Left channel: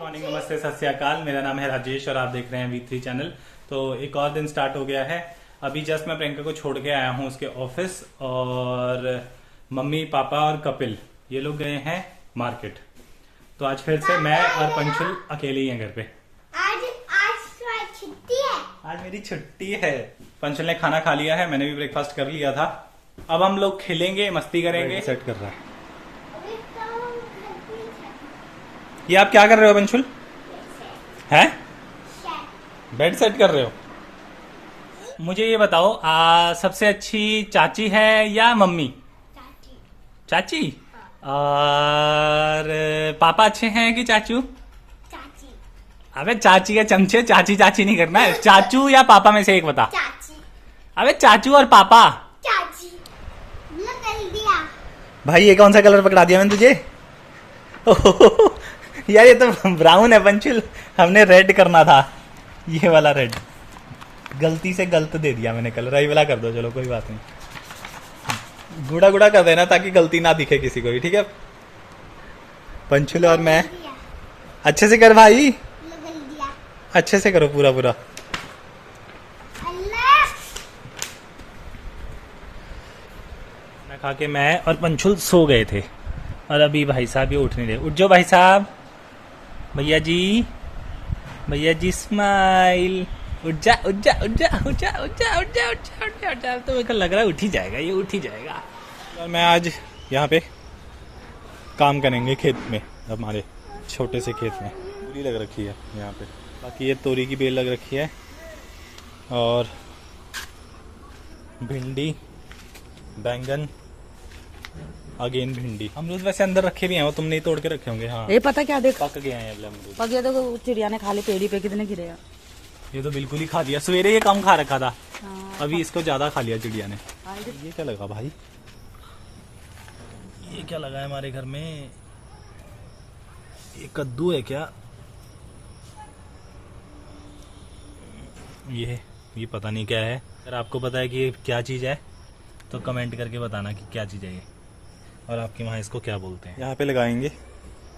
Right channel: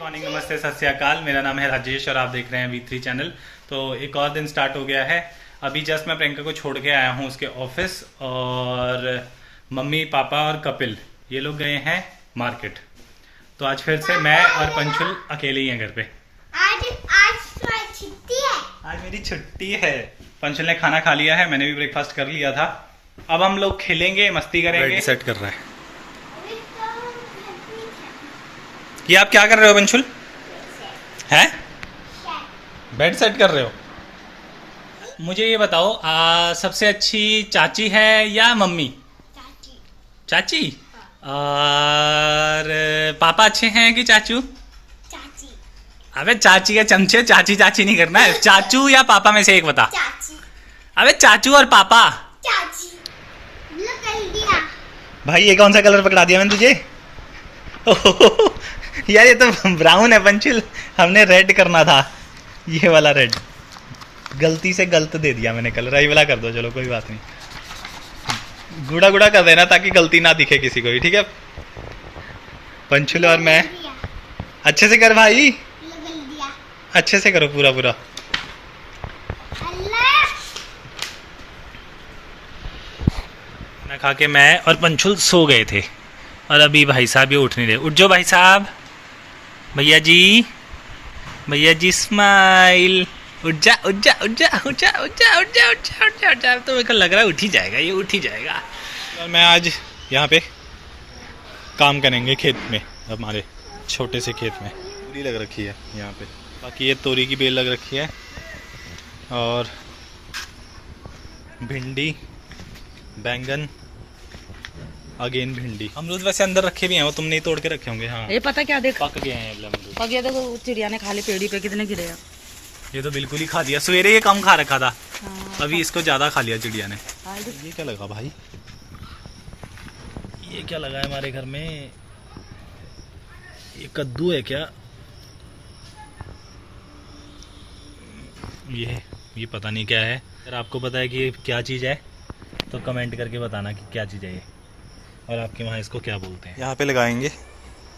Morning, नमस्ते, सत श्री अकाल। मेरा नाम है राजेश और आप देख रहे हैं V3 चैनल। तो एक और दिन स्टार्ट हो गया है। अभी जस्ट मैं प्रियंका को छोड़ के आया हूँ उसके ऑफिस, और मम्मी पापा और कपिल ये लोग गए हैं मार्केट। तो आज फिर से मैं और पंचुल अकेले ही हैं घर पे। आज छुट्टी है। आज मेरी छुट्टी है। पंचुल ने खाना खा लिया है, मैंने भी ब्रेकफास्ट कर लिया था। अब हम लोग खेलेंगे, मस्ती करेंगे। सेट कर रहा है कि आप क्या कर रहे हो पंचुल? हैं? बेड सेट कर रहे हो? मुझे ये बताओ, सबसे अच्छी चाची है या मम्मी? चाची। चाची? और पापा अच्छे हैं कि चाचू? चाची। अबे चाची के चमचे, चाची चाची नहीं करना है। चाचू या पापा में से एक बता। चाची। अबे चाचू और पापा। चाची। कर दिया। भाई ये कौन सा कलर पकड़ा दिया मैंने तुझे? यार ये तो ब्राउन है पंचुल, हमने रेड करना था। ये वाला रेड गलती से गलत दे दिया मैंने कलर। ये वाला कर दो, चलो कोई बात नहीं। गुड़ा गुड़ा कर देना ताकि गलती ना दिखे किसी को भी, ठीक है? पंचुल और मैं अच्छे से कर भाई, दिया। अच्छे से करो पूरा पूरा। खाना खा के मैं और पंचुल सो गए थे, और अभी भाई साहब ये उठ नहीं रहे। उठ जाओ भाई साहब। भैया जी, भैया जी स्माइल। उठ जा उठ जा उठ जा उठ जा उठ जा उठ जा उठ जा उठ जा उठ जा। तो मेरे को लग रहा है उठ ही जाएगा, ये उठ ही जाएगा। और मैं आज यहाँ पे काम करेंगे खेत में, हमारे छोटे से खेत में। पूरी लग रखी है यहाँ पे, बाकी ये तोरी की बेल लग रखी है, और भिंडी, बैंगन, अगेन भिंडी। अमरूद वैसे अंदर रखे भी हैं, वो तुमने ही तोड़ के रखे होंगे। हाँ ये पता क्या देख पक गए हैं अमरूद। पक गया। देखो चिड़िया ने खा ली, पेड़ी पे कितने गिरे हैं। ये तो बिल्कुल ही खा दिया। सवेरे ये कम खा रखा था, अभी इसको ज्यादा खा लिया चिड़िया ने। ये क्या लगा भाई? ये क्या लगा है हमारे घर में? ये कद्दू है क्या? ये पता नहीं क्या है। अगर आपको पता है कि ये क्या चीज़ है तो कमेंट करके बताना कि क्या चीज़ है ये, और आपके वहाँ इसको क्या बोलते हैं। यहाँ पे लगाएंगे।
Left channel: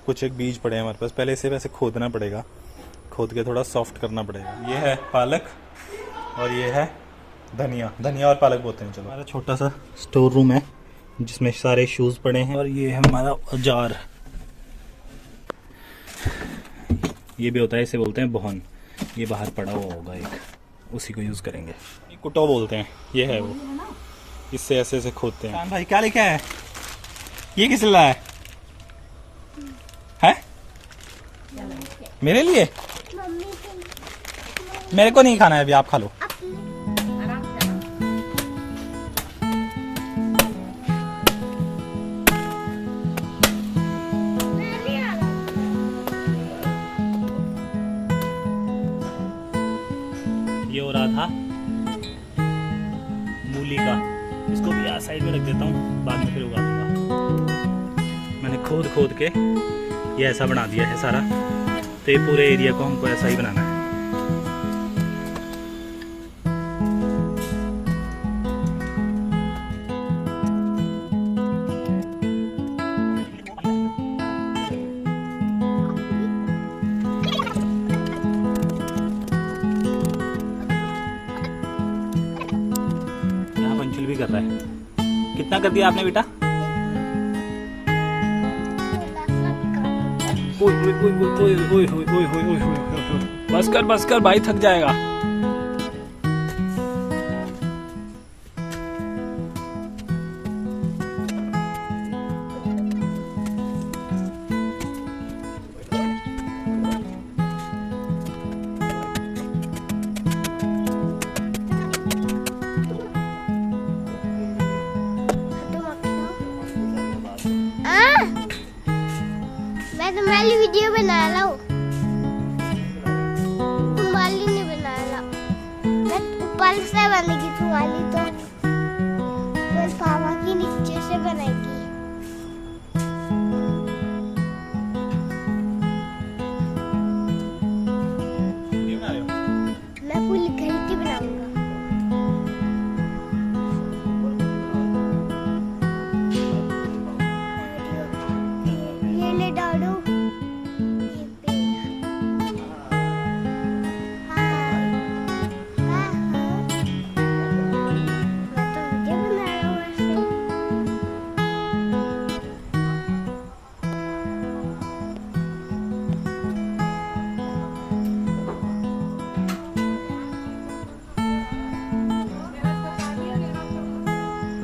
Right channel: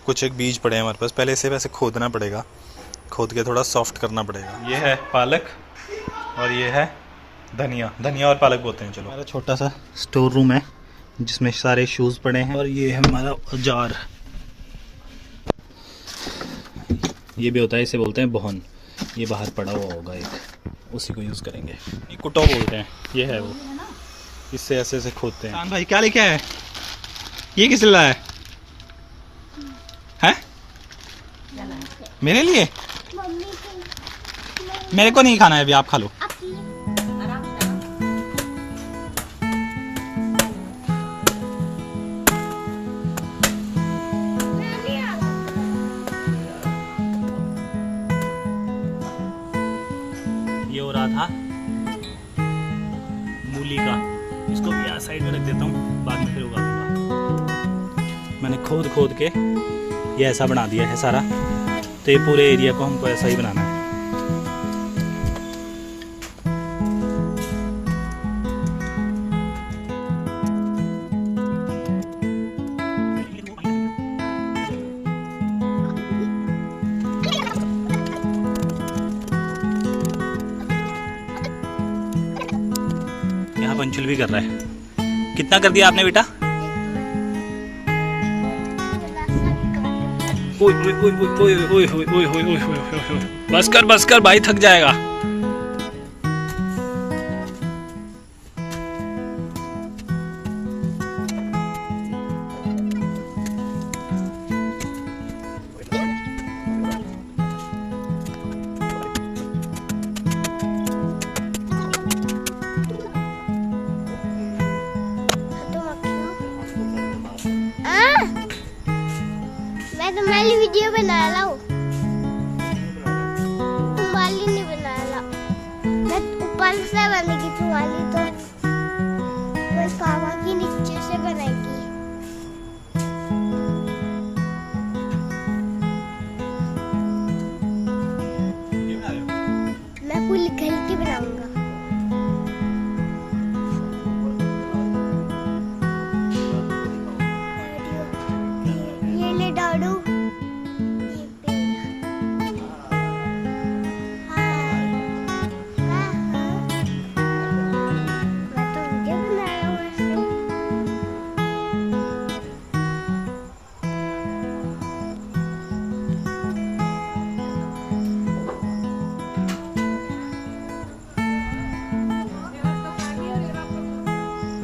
कुछ एक बीज पड़े हैं हमारे पास, पहले इसे वैसे खोदना पड़ेगा, खोद के थोड़ा सॉफ्ट करना पड़ेगा। ये है पालक और ये है धनिया। धनिया और पालक बोलते हैं। चलो, हमारा छोटा सा स्टोर रूम है जिसमें सारे शूज़ पड़े हैं, और ये है हमारा औजार। ये भी होता है, इसे बोलते हैं बोहन। ये बाहर पड़ा हुआ होगा एक, उसी को यूज़ करेंगे। ये कुटो बोलते हैं, ये है वो। इससे ऐसे ऐसे खोदते हैं। भाई क्या लेके आया है? ये किस लिए लाया है? मेरे लिए? मम्मी के मेरे को नहीं खाना है अभी, आप खा लो। मैं नहीं आ रहा। ये हो रहा था मूली का। इसको भी यहाँ साइड में रख देता हूँ, बाद में फिर उगा दूंगा। मैंने खोद खोद के ये ऐसा बना दिया है सारा। तो ये पूरे एरिया को हमको ऐसा ही बनाना है। यहाँ पंचुल भी कर रहा है। कितना कर दिया आपने बेटा? ओए ओए ओए ओए ओए ओए ओए ओए ओए ओए ओए। बस कर भाई, थक जाएगा। मैं तुम्हारी वीडियो बना रहा हूँ, तुम्हारी नहीं बना रहा। मैं ऊपर से बनेगी तुम्हारी, तो पर पापा की नीचे से बनेगी। वीडियो बना रहे हो? मैं पूरी घर की बनाऊंगा। ये ले डाडू, ये ये पेड़ हाय कहाँ मैं तो वीडियो बना रहा हूँ ऐसे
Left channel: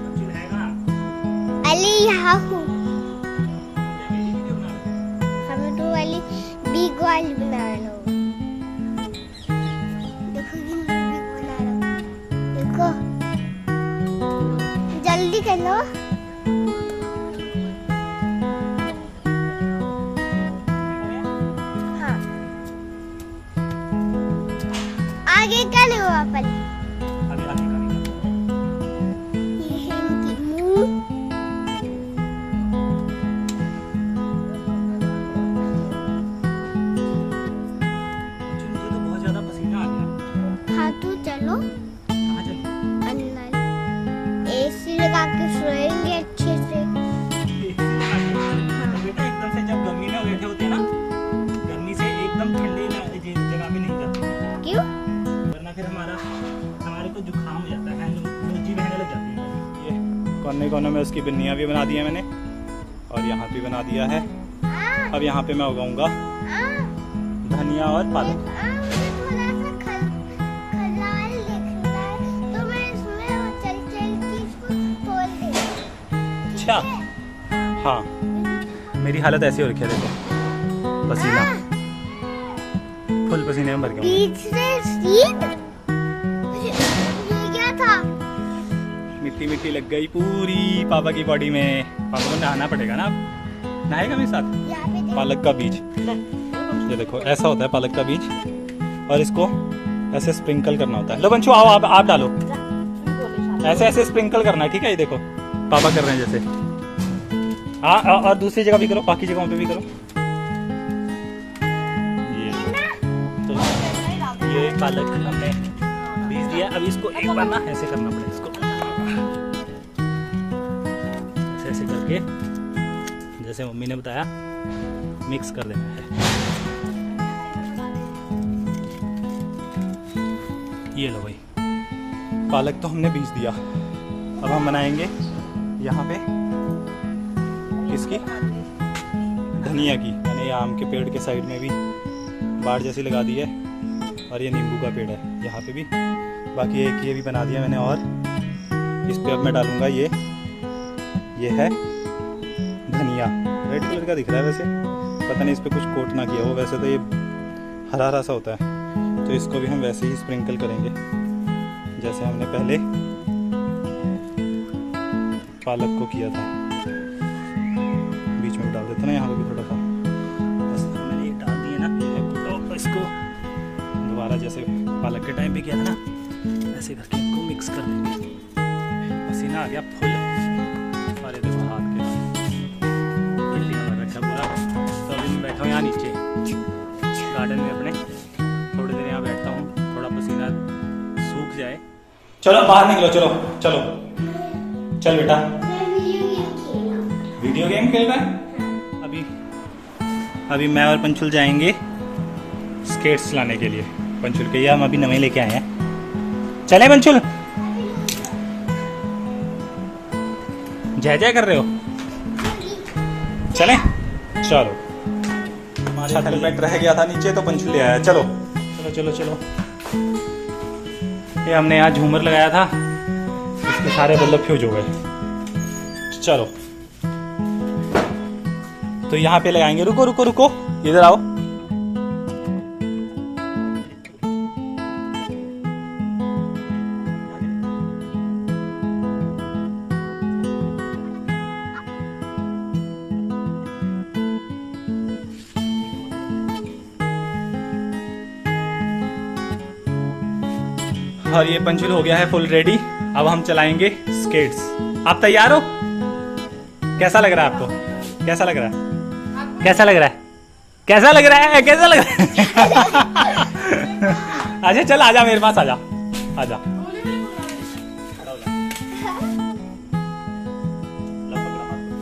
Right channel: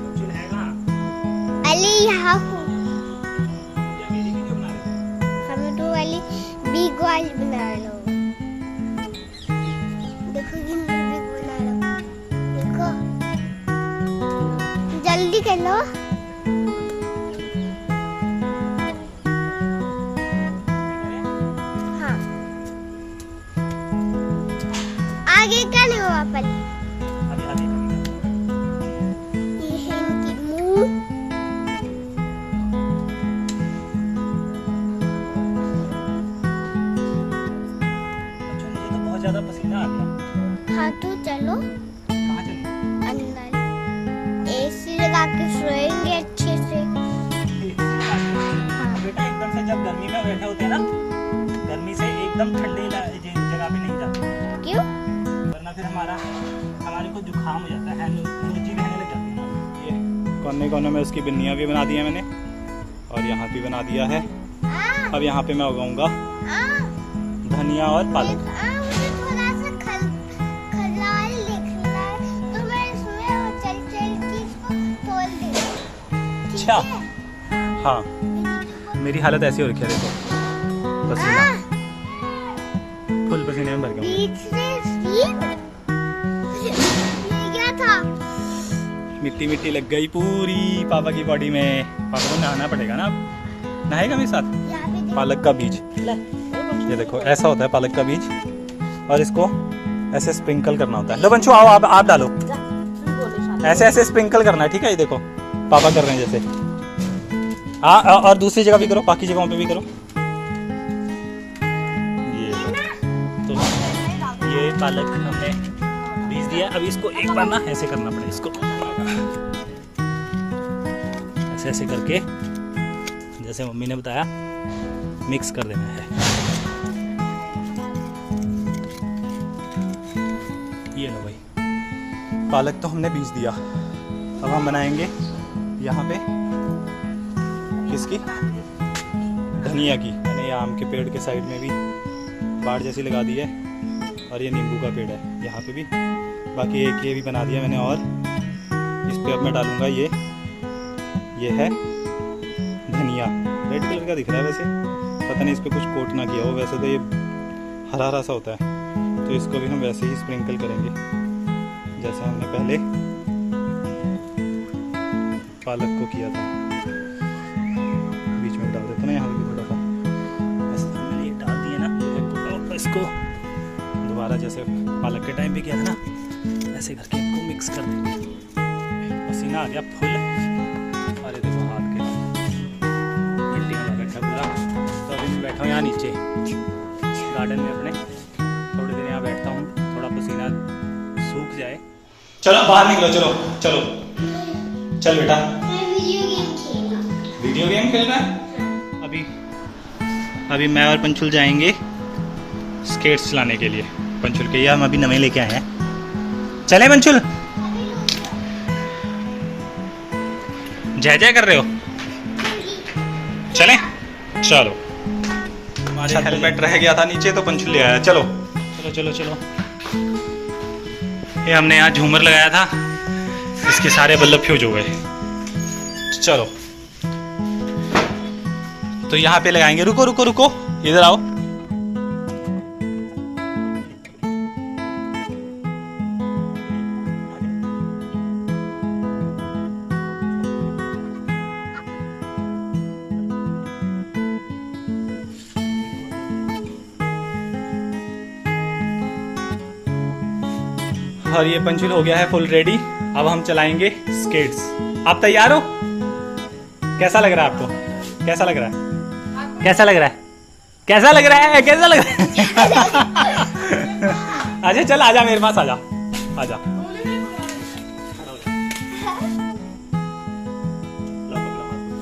पंचुल है कहाँ? अली यहाँ हूँ क्या मेरी वीडियो बना रहे हो? हमें तो वाली बिग वाली बना रहा हूँ देखो कितनी बिग बना रहा हूँ देखो जल्दी कर लो हाँ आगे क्या नहीं हुआ पल अभी आगे का भी कर। ये है इनकी मुंह अच्छा मुझे तो बहुत ज्यादा पसीना आ गया। हाँ तो चलो कहाँ चलूं? अंदर एसी लगा के सोएंगे अच्छे से एसी लगा के। हाँ तो बेटा एकदम से जब गर्मी में बैठे होते हैं ना, गर्मी से एकदम ठंडे जगह पे नहीं जाते हैं, क्यों वरना फिर हमारे को जुकाम हो जाता है, नोजी बहने लग जाती है हमारी। ये कोने कोने में उसकी बिन्नियाँ भी बना दी है मैंने, और यहाँ भी बना दिया है। अब यहाँ पे मैं उगाऊंगा धनिया और पालक। मुझे थोड़ा सा खलाल दिखना है तो मैं इसमें वो चल चीज को तोड़ दूंगी। अच्छा हाँ, मेरी हालत ऐसी हो रखी है, देखो पसीना फुल पसीने में भर गया हूँ मैं। बीच से सीध ये क्या था मिट्टी मिट्टी लग गई पूरी पापा की बॉडी में। पापा को नहाना पड़ेगा ना, अब नहाएगा मेरे साथ। यहाँ पे पालक का बीज, ये देखो ऐसा होता है पालक का बीज, और इसको ऐसे स्प्रिंकल करना होता है। लो बंशु आओ, आप डालो, ऐसे ऐसे स्प्रिंकल करना है, ठीक है। ये देखो पापा कर रहे हैं जैसे। हाँ और दूसरी जगह भी करो, बाकी जगहों पे भी करो। ये लो, तो ये पालक हमने बीज दिया। अब इसको एक बार ना ऐसे करना पड़ेगा, इसको ऐसे ऐसे करके जैसे मम्मी ने बताया मिक्स कर देना है। ये लो भाई, पालक तो हमने बीज दिया। अब हम बनाएंगे यहाँ पे किसकी, धनिया की। मैंने ये आम के पेड़ के साइड में भी बाड़ जैसी लगा दी है, और ये नींबू का पेड़ है यहाँ पे भी। बाकी एक ये भी बना दिया मैंने, और इस पे अब मैं डालूँगा ये है धनिया। रेड कलर का दिख रहा है वैसे, पता नहीं इस पे कुछ कोट ना किया हो, वैसे तो ये हरा हरा सा होता है। तो इसको भी हम वैसे ही स्प्रिंकल करेंगे जैसे हमने पहले पालक को किया था। बीच में भी डाल देता ना यहाँ पे भी थोड़ा सा, बस मैंने ये डाल दिया ना। ये है कुटो, इसको दोबारा जैसे पालक के टाइम पे किया था ना, ऐसे करके इनको मिक्स कर देंगे। पसीना आ गया फुल, और ये देखो हाथ के हाल मिट्टी में भर रखा है पूरा। तो अभी मैं बैठा हूँ यहाँ नीचे गार्डन में अपने, थोड़ी देर यहाँ बैठता हूँ, थोड़ा पसीना सूख जाए। चलो बाहर निकलो, चलो चलो चल बेटा। मैं वीडियो गेम खेला। वीडियो गेम खेल रहा है? अभी मैं और पंचुल जाएंगे स्केट्स चलाने के लिए। पंचुल के ये हम अभी नए लेके आए हैं। चले पंचुल? जय जय कर रहे हो? चलें? चलो। हमारे हेलमेट रह गया था नीचे, तो पंचुल ले आया। चलो चलो चलो चलो। ये हमने यहाँ झूमर लगाया था, इसके सारे बल्ब फ्यूज हो गए। चलो तो यहाँ पे लगाएंगे। रुको रुको रुको, इधर आओ। और ये पंचुल हो गया है फुल रेडी। अब हम चलाएंगे स्केट्स। आप तैयार हो? कैसा लग रहा है आपको? कैसा लग रहा है? कैसा लग रहा है? कैसा लग रहा है? कैसा लग रहा है? अच्छा चल आजा मेरे पास, आजा आजा। खड़ा हो जा। लो पकड़ो, हाथ पकड़ो।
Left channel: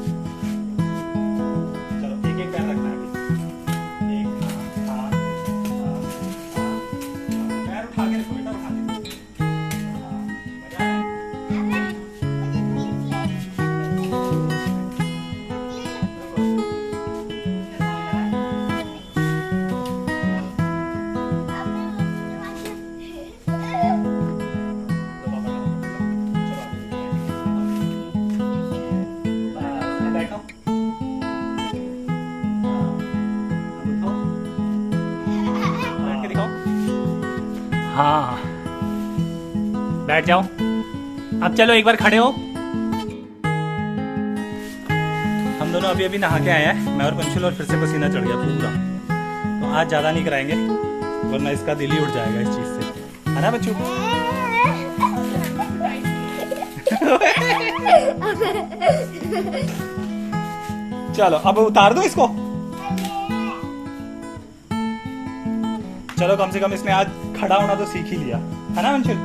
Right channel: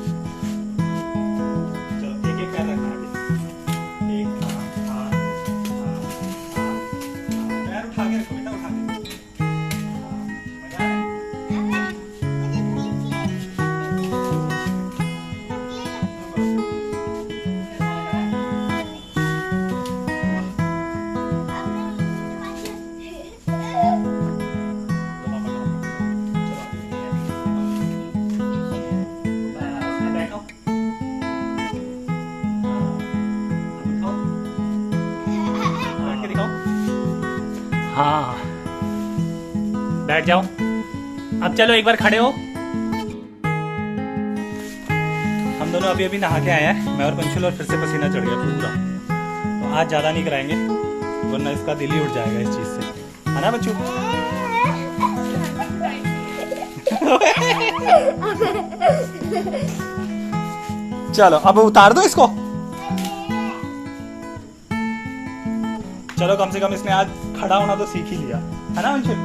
चलो एक एक पैर रखना है अभी। एक हाँ हाँ हाँ हाँ हाँ। पैर उठा के रखो बेटा, उठा के। हाँ मजा आ रहा है। अबे मुझे पुलिस लाइन करने दे। पतले लगते रुको, रुको। अब मैं मम्मी के पास दो पापा का हाथ पकड़ लो। चलो अभी निकलें। बस अब बैठो। हाँ अब उठो। बैठ के दिखाओ। हाँ बैठ जाओ। अब चलो एक बार खड़े हो। हम दोनों अभी अभी नहा के आए हैं, मैं और पंचुल, और फिर से पसीना चढ़ गया पूरा। तो आज ज़्यादा नहीं कराएंगे वरना इसका दिल ही उठ जाएगा इस चीज़ से, है ना बच्चू? चलो अब उतार दो इसको। चलो कम से कम इसने आज खड़ा होना तो सीख ही लिया, है ना अंशुल?